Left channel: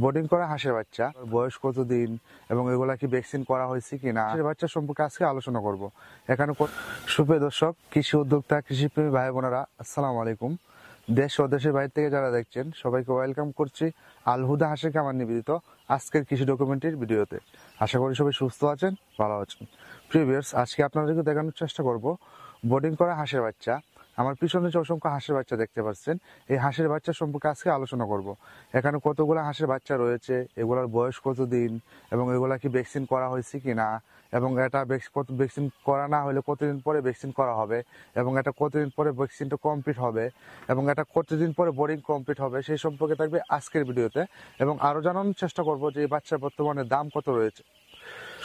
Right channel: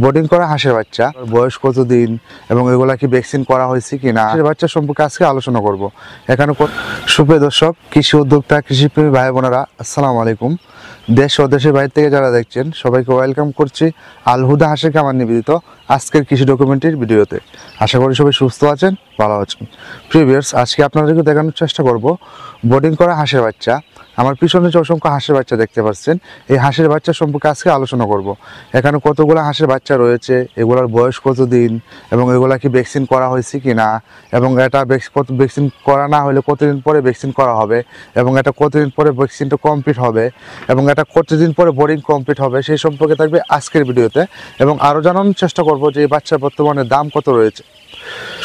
Boarding করা হাঁসের বাচ্চা বয়স কতদিন এবং এগুলা কি ভ্যাকসিন করা হয়েছে কিনা হাঁসের বাচ্চা সম্পর্কে আজকে আলোচনা করব। এখানে সুপ্রিয় দর্শক, কৃষি উদ্যোক্তা, কৃষিপ্রেমী ভাই বোনেরা, আসসালামু আলাইকুম। দেশ ও দেশের বাইরে থেকে যারা দেখছেন সবাইকে ওয়েলকাম করছি আল হুদা হাঁসের খামার নিবেদিত আজকের কৃষি ডকুমেন্টারির ভিডিওতে। আশা করি সবাই সুস্থ আছেন, ভালো আছেন। প্রিভিয়ার্স, আজকে আপনাদেরকে দেখানোর চেষ্টা করব বোর্ডিং করা হাঁসের বাচ্চা। আমার পিছনে যে অসংখ্য হাঁসের বাচ্চা দেখতে পাচ্ছেন, এই হাঁসের বাচ্চা সম্পর্কে আজকে আলোচনা করব। এখানে কতগুলো হাঁসের বাচ্চা রয়েছে, এগুলোর বয়স কতদিন এবং এগুলা কি ভ্যাকসিন করা হয়েছে কিনা, এবং এটা ভ্যাকসিন করা না হলে কতদিন পরে ভ্যাকসিন করা হবে, এবং এটা কতদিন পরে ভ্যাকসিনটা কমপ্লিট হবে, এবং এটা কতদিন পরে বোর্ডিং কমপ্লিট হবে, সেই সম্পর্কে থাকবে আজকের ভিডিওতে। এবং আরও জানানোর চেষ্টা করব যে এই বাচ্চার বর্তমানে দাম কত রয়েছে।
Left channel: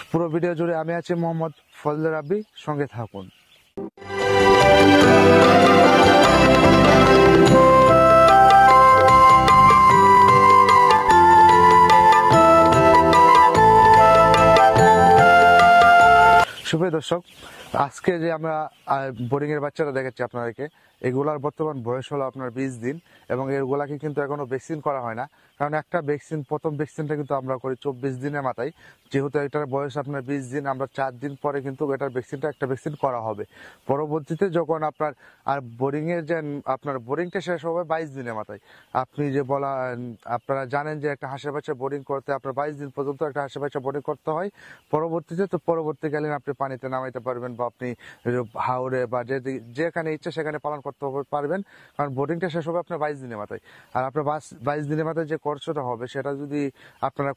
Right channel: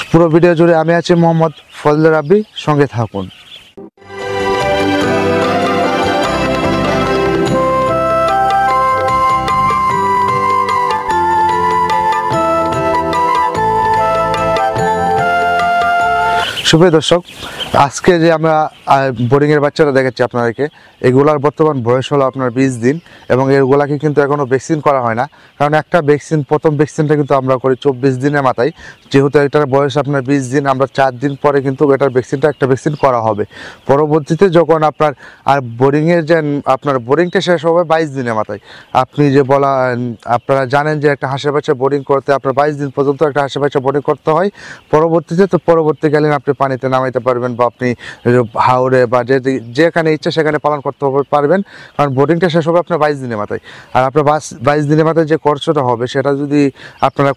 পুরো ভিডিও জুড়ে আমি আছি মোহাম্মদ ফজলে রাব্বি, সঙ্গে থাকুন। সুপ্রিয় দর্শক, আজকে যে আমরা বোর্ডিংয়ের বাচ্চারা দেখাচ্ছি আপনাদেরকে, এগুলার বর্তমান বয়স হলো আপনার 20 দিন, এবং এগুলাকে কিন্তু এখনও ভ্যাকসিন করা হয় না। কারণ একটা ভ্যাকসিন, প্রথম ভ্যাকসিনটা কিন্তু আমরা করি 24 দিনের মাথায়। যেহেতু এটার বয়স আপনার 20 দিন, আমরা 4 দিন পরে কিন্তু এটার একটা ভ্যাকসিন করা হবে। পরবর্তীতে যখন আপনার বোর্ডিংয়ের যে আপনার বোর্ডিংটা শেষ হবে 22 দিনের মাথায়, আপনি যে আপনারা জানেন যে একটা হাঁসের বাচ্চা বোর্ডিং করতে আপনার 22 দিন পর্যন্ত একটা হাঁসের বাচ্চা বোর্ডিং করতে হয়। পরবর্তীকালীন আপনি পানিতে নামাইতে পারবেন, বা আপনি হাওড়ে বা যেখানে ইচ্ছা সেখানে পালন করতে পারবেন। কারণ বোর্ডিংটা শেষ হবে আপনার 22 দিনের মাথায়। আর আপনার 22 দিনের মাথায় যে খরচটা হবে, সেটা যদি আপনারা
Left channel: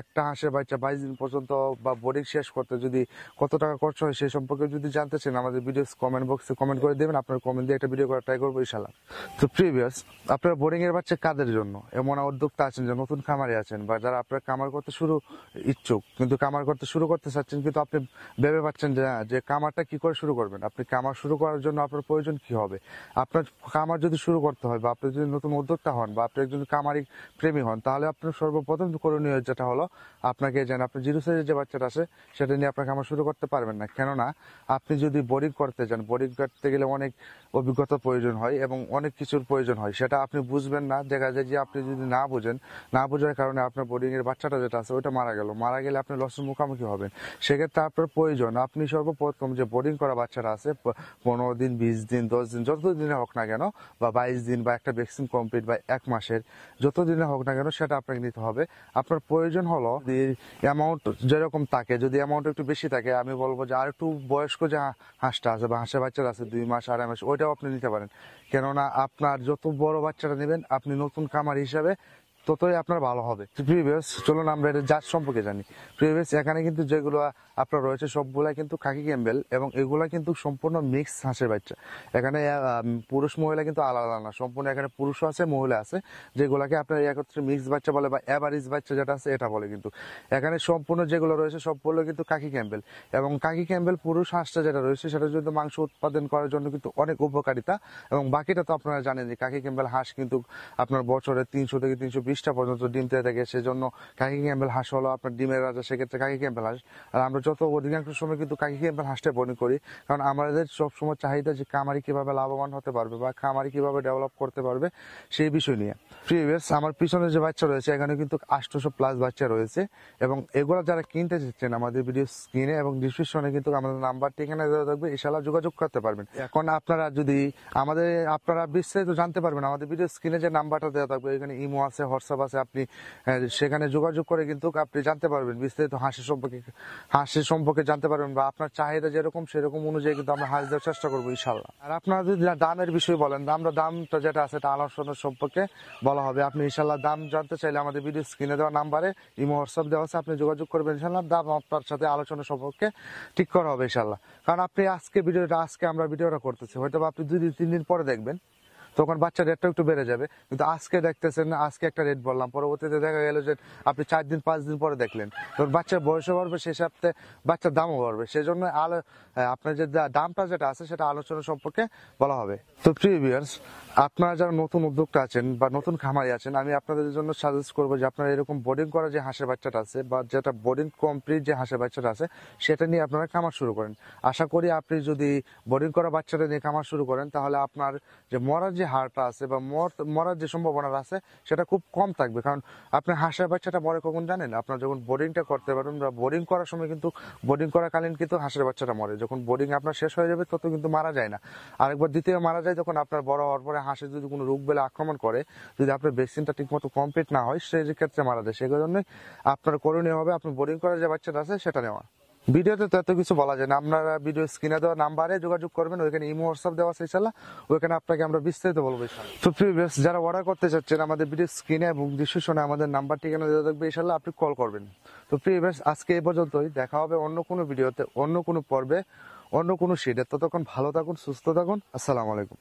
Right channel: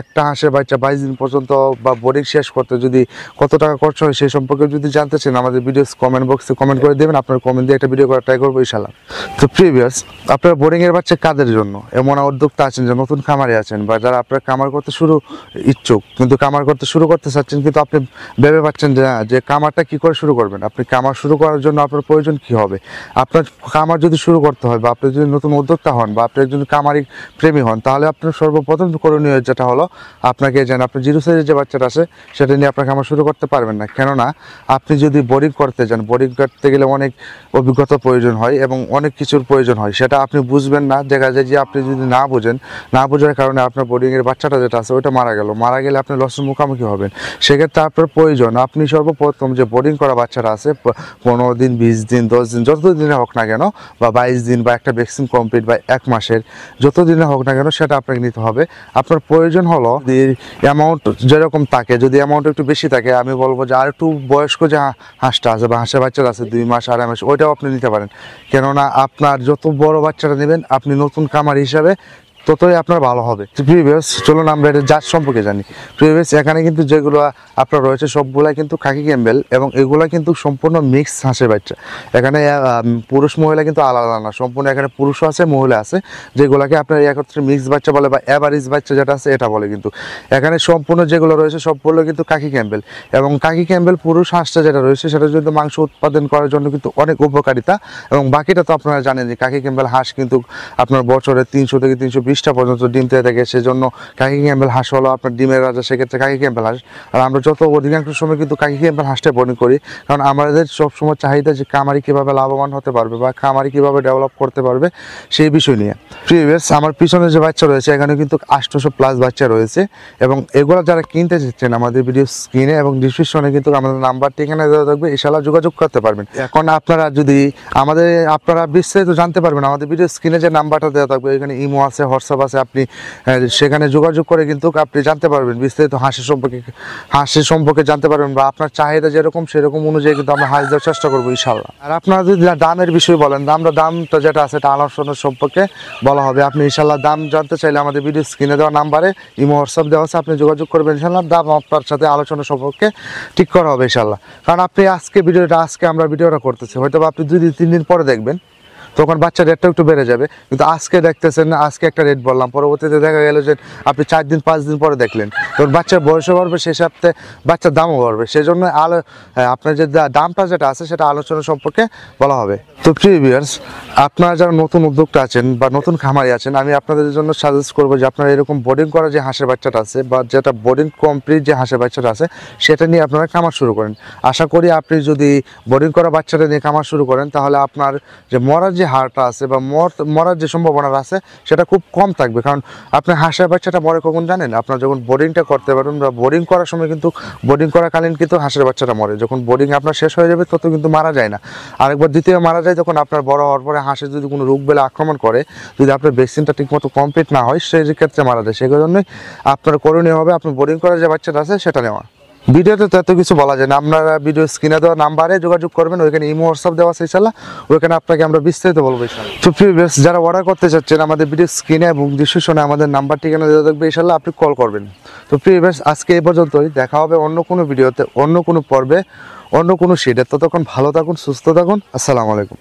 একটা হাঁসের বাচ্চা 22 দিন পর্যন্ত বা বোর্ডিং শেষ করতে যদি কত টাকা খরচ হয়, সেই সম্পর্কে যদি জানতে চান, আমাদের ভিডিও কমেন্ট বক্সে কমেন্ট করে দেবেন। আপনার কমেন্ট দিয়ে একটা ভিডিও করার ট্রাই করবো ইনশাআল্লাহ। তো প্রিভিয়াস, আপনার বোর্ডিংয়ের বাচ্চা কাদের জন্য? এমন উদ্যোক্তা আছেন যে নতুন খামারে আছেন, বা যারা আপনার খামার করতে ইচ্ছুক, কিন্তু খামার করতে শুরু করতে চাচ্ছেন, কিন্তু আপনি ভেবে পাচ্ছেন যে খামারটা কি করে শুরু করবেন। আপনি খামার শুরু করার জন্য আপনার প্রয়োজন কি হবে? আপনার খামার যদি শুরু করতে হয়, বা আপনি যদি নতুন উদ্যোক্তা হন, বা আপনি একজন খামারি প্রেমী হন, তাহলে আপনার সর্বপ্রথম করণীয় যেটা হলো, আপনাকে আপনার জিরো সাইজের যে বাচ্চাটা আছে সেটা নিয়ে আপনার খামার শুরু করতে পারবেন না। কেননা আপনি যদি বোর্ডিং করতে যান, বোর্ডিং করতে গেলে অনেক অভিজ্ঞতা প্রয়োজন হয় এবং অনেক কিছুর প্রয়োজন হয়, সেটা আপনি বুঝবেন না। দেখা যায় যে আপনি যদি না বোঝার কারণে আপনার বোর্ডিংয়ের বাচ্চাটা যেটা আছে ওইটা মারা গেলে আপনি লসের মুখোমুখি হবেন। সেক্ষেত্রে আপনার প্রয়োজন, আপনি সর্বপ্রথম যে বোর্ডিং করা বাচ্চারা আছে, 15 দিন, 20 দিন, 10 দিন, যত দিনে হোক না কেন, বা 22 দিন, বা একটা ভ্যাকসিন কমপ্লিট, বা 1 মাসের, যত দিনে হোক না কেন, সেটা আপনাকে নিতে হবে। আপনার প্রয়োজন হলো অ্যামাউন্ট যেরকম থাকে, যদি অ্যামাউন্ট একটু বেশি থাকে, আমি বলবো যে আর একটু বয়স্ক যে হাঁসটা আছে বা হাঁসের বাচ্চারা আছে 2 মাস, 2.5 মাস, ওইটাও আপনি নিতে পারেন। কেননা আপনার যত বড় বাচ্চাটা নেবেন, আপনি নতুন খামার হিসাবে, ততই আপনার ভালো হবে। প্রিভিয়াস, চলুন আমরা এটা জাত সম্পর্কে জানি। প্রিভিয়াস, এখানে কিন্তু যেগুলো আপনার রয়েছে সবগুলাই কিন্তু খাকি ক্যাম্বেল, এবং এগুলা কিন্তু সম্পূর্ণ মিক্স হাঁসের বাচ্চা। এখানে পুরুষ মহিলা কিন্তু আলাদা না, সম্পূর্ণ এখানে পুরুষও আছে, মহিলা আছে, যেগুলোকে আপনার একত্রে মিক্স বাচ্চা বলে, বা অ্যাভারেজ বাচ্চা যেটা আছে এটা বলে। কিন্তু এখানে সম্পূর্ণ যেগুলো রয়েছে সবগুলো কিন্তু খাকি ক্যাম্বেল, এবং খাকি ক্যাম্বেল পুরুষ হাঁসটা যেটা রয়েছে সেটা কিন্তু মাংস উৎপাদন করার জন্য কিন্তু অনেক উপকারিতা। এবং বাকিটা তো আপনারা জানেন যে খাকি ক্যাম্বেল হাঁস কিন্তু আপনার বছরে 300 থেকে 320টা পর্যন্ত ডিম দিয়ে থাকে। সেজন্য খাকি ক্যাম্বেল হাঁস হলো আপনার ডিমের রাজা, সেক্ষেত্রে খাকি ক্যাম্বেল হাঁস। আর আমরা অধিকাংশ সময় কিন্তু খাকি ক্যাম্বেল হাঁসটা বোর্ডিং করি, কারণ আমাদের সবসময় চাহিদা যে খামারি কীভাবে লাভবান হতে পারবে, বা খামারি কীভাবে ডেভেলপ করতে পারবে, সেই বিষয় নিয়ে। প্রিভিয়াস, আমার পিছনে যে বাচ্চা রয়েছে, এখানে কিন্তু 800+ বাচ্চা রয়েছে, এবং এগুলো যারা কিনতে চাচ্ছেন, আমাদের ভিডিও স্ক্রিনে এবং ডিসক্রিপশনে কিন্তু আমাদের নাম্বারটি এখানে দেওয়া থাকবে, ইনশাআল্লাহ যোগাযোগ করতে পারবেন। এখন আপনারা যদি আপনারা বিস্তারিত জানতে পারবেন, আমাদের ভিডিও স্ক্রিনে যে নাম্বারটা দেওয়া থাকবে, এখানে ইমো আছে, হোয়াটসঅ্যাপ আছে, আপনি সেখানে যোগাযোগ করে কিন্তু আপনি জানতে পারবেন বিস্তারিত হাঁসের সম্পর্কে জানতে পারবেন, বা আপনার চাহিদা যেরকম সেরকম অনুযায়ী কিন্তু আমরা হাঁস দেওয়ার চেষ্টা করবো ইনশাআল্লাহ। আর আপনারা যদি দামের বিষয় বলেন, দামটা যেটা আছে এটা আলোচনার সম্পর্কে বলা হবে। আপনি ইনশাআল্লাহ দাম জানতে চাইলে আমাদের ভিডিও স্ক্রিনে দেওয়া নাম্বারে ইমো হোয়াটসঅ্যাপ দেওয়া আছে, আপনি যোগাযোগ করবেন, ইনশাআল্লাহ দাম আপনার সাথে আলোচনা সম্পর্কে ঠিক করা হবে ইনশাআল্লাহ। কারণ আপনি আজকে আমরা ভিডিওটা করতেছি, হয়তো আপনি 2-3 দিন পরে দেখবেন, তখন বাচ্চার রেটটা একটু বেড়ে যাবে। কিন্তু আজকে দেখতেছেন, আজকে একটা রেট বললাম, পরবর্তীতে দেখা গেল যে আপনি 4-5 দিন পরে দেখলেন, তখন বাচ্চার বয়সও বাড়বে, সেই সাথে বাচ্চার দামও বাড়বে। সেই জন্য আপনার যে দামটা যেটা আছে সেটা আলোচনা সম্পর্কে বলা হবে। তো প্রিভিয়ার্স, আপনারা যারা নতুন উদ্যোক্তা আছেন বা নতুন খামারি আছেন, আমি আপনাদের জন্য সাজেস্ট করবো যে আপনারা এরকম বোর্ডিং করা যে হাঁসের বাচ্চাটা আছে, বা যেটা বোর্ডিং কমপ্লিট যে হাঁসের বাচ্চাটা আছে, সেটা নিয়ে আপনারা খামার শুরু করেন। আশা করি আপনি যদি বোর্ডিং করা বাচ্চাটা নিয়ে খামার শুরু করেন, তাহলে আপনার যে মরার যে যে হারটা আছে বা মরার যে সম্ভাবনা আছে সেটা খুব কম থাকবে। কারণ আপনি হাঁসের বাচ্চাটা মরে কখন জানেন? আপনার যখন বোর্ডিংটা করতে পারবেন বা বোর্ডিং করার সময় কিন্তু বোর্ডিং করাকালীন কিন্তু হাঁসের বাচ্চাটা মরে, যখন বোর্ডিং আপনার শেষ হয়ে যাবে তত কিন্তু মারা যায় না। আরেকবার দ্বিতীয় মারা যায় যখন আপনার বড় হওয়ার পরে হাঁসের যদি কোনো রোগ বেলা আক্রমণ করে, যদি আপনার ভ্যাকসিনটা ঠিকমতো কমপ্লিট না হয় সেই ক্ষেত্রে মারা যায়। সেই জন্যই আপনার করণীয় হবে আপনি বোর্ডিং করার যে বাচ্চাটা আছে সেটা নেওয়া। ভিডিওতে তো এত কিছু বলা যায় না, আপনারা ভিডিও স্ক্রিনে দেওয়া নাম্বারে যোগাযোগ করবেন, ওইখানে ইমো হোয়াটসঅ্যাপ দেওয়া আছে ইনশাআল্লাহ, ওইখানে আপনাকে আমরা বিস্তারিত বলবো ইনশাআল্লাহ। তো প্রিয় ভিউয়ার্স, যারা অর্ডার করতে চাচ্ছেন আমাদের ভিডিও স্ক্রিনে এবং ডিসক্রিপশনে আমাদের নাম্বার ঠিকানা দেওয়া থাকবে, ইনশাআল্লাহ আপনি কল করবেন। তো প্রিয় ভিউয়ার্স, আজকে এই পর্যন্তই, দেখা হবে অন্য কোনো ভিডিওতে, অন্য কোনো পর্বে, অন্য কোনো শেডে। ততক্ষণ ভালো থাকুন, সুস্থ থাকুন, আসসালামু আলাইকুম।